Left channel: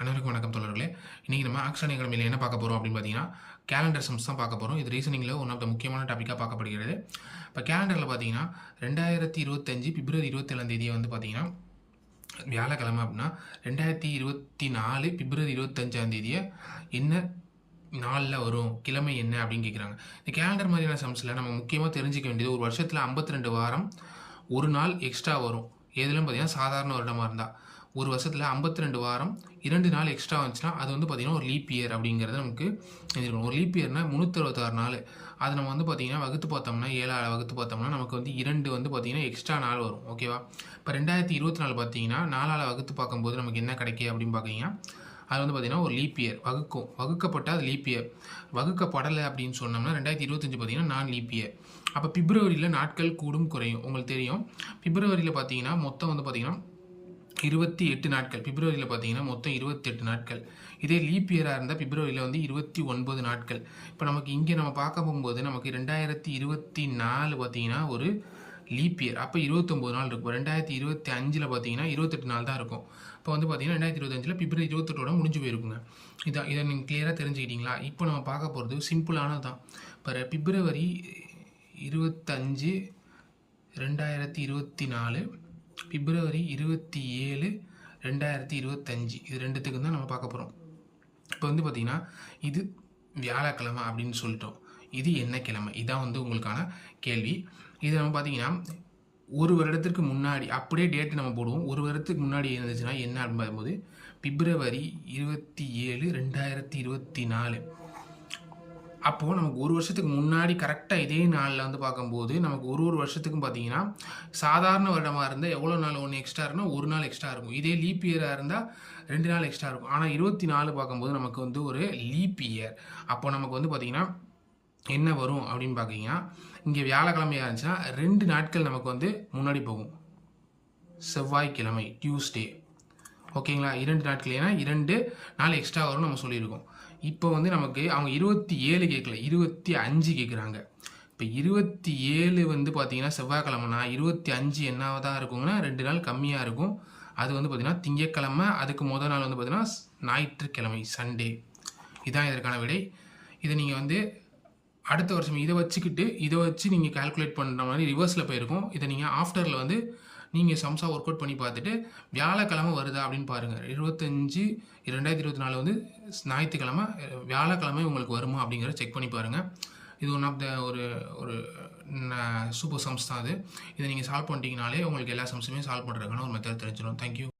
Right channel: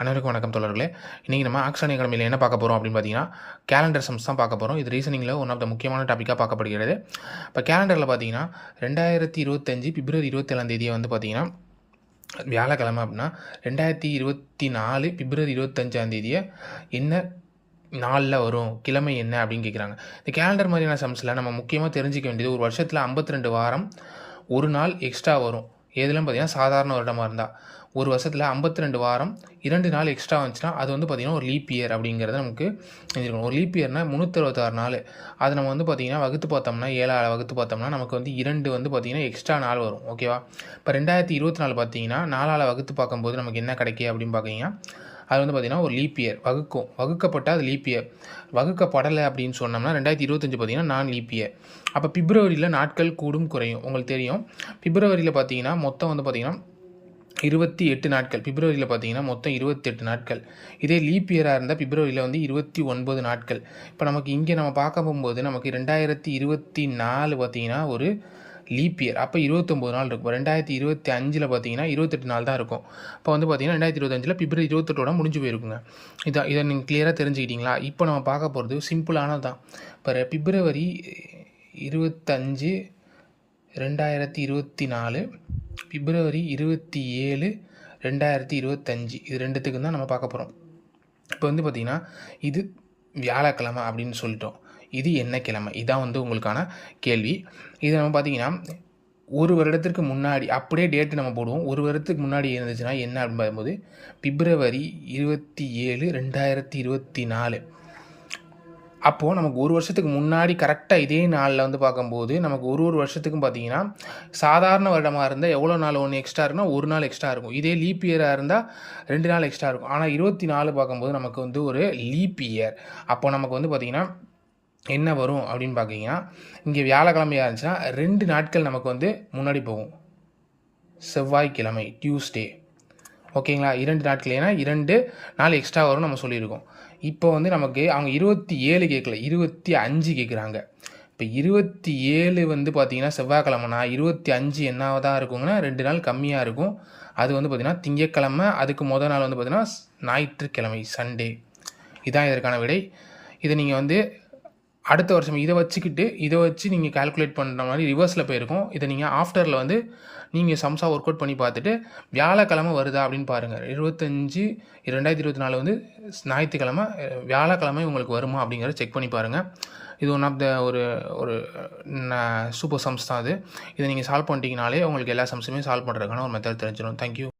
அனைவருக்கும் வணக்கம் தோழர்களே. இன்றைக்கி நம்ம ஆக்ஷன் அகாடமியில் என்ன பார்க்க போகிறோம் அப்படின்னு பார்த்தீங்கன்னா, கேலண்டர் சம்ஸ் தான் பார்க்க போகிறோம். இது ரீசனிங்கில் ஒன் ஆஃப் த முக்கியமான டாப்பிக்காக பார்க்கப்படுகிறது. இப்போ கேலண்டரில் பார்த்தீங்கன்னா 2025 பிப்ரவரி 27 வந்து பார்த்தீங்கன்னா வியாழக்கிழமை அப்படின்னா 2024 பிப்ரவரி 25 என்ன நாளில் வரும், கிழமை என்ன அப்படின்னு கேட்குறாங்க. இந்த கேலண்டர் மாதிரியான சம்ஸில் நம்ம முக்கியமாக தெரிஞ்சிக்க வேண்டியது, ஒரு வருஷத்தில் 52 வாரம், ஒரு நாள் எக்ஸ்ட்ரா வரும். எதுலாம் பார்த்தீங்கன்னா சாதாரண வருடமாக இருந்தால் ஒரு வருஷத்தில் 52 வாரம் 2 நாள் எக்ஸ்ட்ரா வந்துச்சுன்னா அது வந்து பார்த்திங்கன்னா ஒரு லீப் இயர் அப்படிங்கிறத நமக்கு தெரிஞ்சுக்கணும். ஒரு லீப் இயர்னால் 366 நாள். அதை நம்ம வந்து பார்த்திங்கன்னா வகுத்து பார்த்தோம்னா 7ஆல் வகுத்து பார்த்தோம்னா நமக்கு வந்து 2 வந்து பார்த்திங்கன்னா எக்ஸ்ட்ரா நாள் வரும். ஓகேவா? இப்போ 2024 பார்த்தீங்கன்னா 4ஆல் வகுத்து பார்க்கும்போது நமக்கு என்ன கிடைக்கும் அப்படின்னு பார்த்தீங்கன்னா அது வந்து பார்த்திங்கன்னா ஒரு லீப் இயர் வகுக்கப்பட்டால் அது லீப் இயர். வகுக்கப்படலை அப்படின்னு சொன்னோம்னா 2025 பார்த்திங்கன்னா நான் லீப் இயர். அப்போ பிப்ரவரியில் நாட்கள் கூடும் குறையும். உங்களுக்கு தெரியும், பிப்ரவரியில் பார்த்தீங்கன்னா மொத்தம் வந்து பார்த்திங்கன்னா 28 நாட்கள். பிப்ரவரியில் பார்த்தீங்கன்னா மொத்தம் 28 நாட்கள். இதே லீப் இயராக இருந்தால் பிப்ரவரியில் வந்து 29 நாட்கள். இப்போ நமக்கு இங்கே நம்ம பார்க்க போகும்போது நமக்கு 2024 பார்த்தீங்கன்னா ஒரு லீப் இயர். அப்போ 29 நாள் இருக்கும். 2025 பார்த்தீங்கன்னா 28 நாள் தான் இருக்கும். இப்போ வந்து பார்த்தீங்கன்னா 2025 பிப்ரவரி 28 முடிஞ்சு போயிருக்குங்க. இதை நீங்கள் கிளியராக தெரிஞ்சுக்கிட்டீங்களா? இப்போ நம்ம பார்க்க போகிறது சிம்பிளானது தான். இப்போ பிப்ரவரி 25 2024 பிப்ரவரி 27 2025 இது ரெண்டுத்துக்கும் தான் நம்ம பார்க்க போகிறோம். இப்போ வந்து பார்த்திங்கன்னா இது வியாழக்கிழமை அப்படின்னு சொல்லிட்டோம். இது என்ன கிழமை? இதான் வந்து உங்களுக்கான கேள்வி. இதை நம்ம பார்த்திங்கன்னா ஒரு வருடத்திற்கு முன்னாடி அப்படியே டேட்டு நம்ம போடுவோம். ஒரு வருடத்துக்கு முன்னாடி இருந்துச்சுன்னா என்ன அப்படின்னு பார்க்கும்போது பிப்ரவரி 27 2024. அப்போது நமக்கு ஒரு வருஷத்துக்கு முன்னாடி கரெக்டாக இதே நாளில் வந்து பார்க்கும்போது நமக்கு ஒரு வருஷத்துக்கும் பார்த்தீங்கன்னா சாதாரண வருடமாக இருந்தால் எவ்வளோ நாள் ஒன்று எக்ஸ்ட்ரா இருக்குன்னா ஒரு நாள் எக்ஸ்ட்ரா இருக்கும். இதே லீப் இயராக இருந்தால் 2 நாள் எக்ஸ்ட்ரா இருக்கும். ஆனால் 24 பார்க்கும்போது நமக்கு வந்து ஒரு லீப் இயர். அப்போ நமக்கு வந்து பார்த்திங்கன்னா என்ன வரும் அப்படின்னு பார்த்தீங்கன்னா இங்கே வியாழக்கிழமையாக இருந்துச்சுன்னா 2 நாட்கள் நமக்கு வந்து முன்னாடி போகும். செவ்வாய்க்கிழமை டியூஸ்டே. ஓகேங்களா? 2 நாட்கள், ஏன்னா 2 நாள் எக்ஸ்ட்ரா வரும்னு நம்ம சொல்லியிருக்கோம். இப்போ வந்து நமக்கு அவங்க 27 கேட்கல, 25 கேட்குறாங்க. இப்போ 27 வந்து பார்த்திங்கன்னா செவ்வாய்க்கிழமைனா 25 என்னதான் இருக்குங்கன்னா 2 நாள் கம்மியாக இருக்கும். அது வந்து பார்த்திங்கன்னா திங்கட்கிழமை, அதுக்கு முதல் நாள் வந்து பார்த்திங்கன்னா ஞாயிற்றுக்கிழமை, சண்டே. இதுதான் இதற்கான விடை. இதை நீங்கள் வந்து அடுத்த வருஷம் இதை வச்சு நீங்கள் கால்குலேட் பண்ணுற மாதிரி ரிவர்ஸில் போயிருக்கும். இதை நீங்கள் ஆஃப்டரில் வந்து நீங்கள் சம்ஸாக ஒர்க் அவுட் பண்ணி பார்த்துட்டு வியாழக்கிழமை வருதா அப்படின்னு பாருங்கள். 25 2024 வந்து ஞாயிற்றுக்கிழமை, வியாழக்கிழமை உங்களுக்கு வருமா அப்படிங்கிறத செக் பண்ணி பாருங்கள். இது ஒன் ஆஃப் த ஒரு சூப்பர் சம்ஸ் தான் அது. இதை நீங்கள் சால்வ் பண்ணிட்டீங்கனாலே உங்களுக்கு எல்லா சம்ஸுமே சால்வ் பண்ணுறதுக்கான ஒரு மெத்தட் தெரிஞ்சிடும். தேங்க்யூ.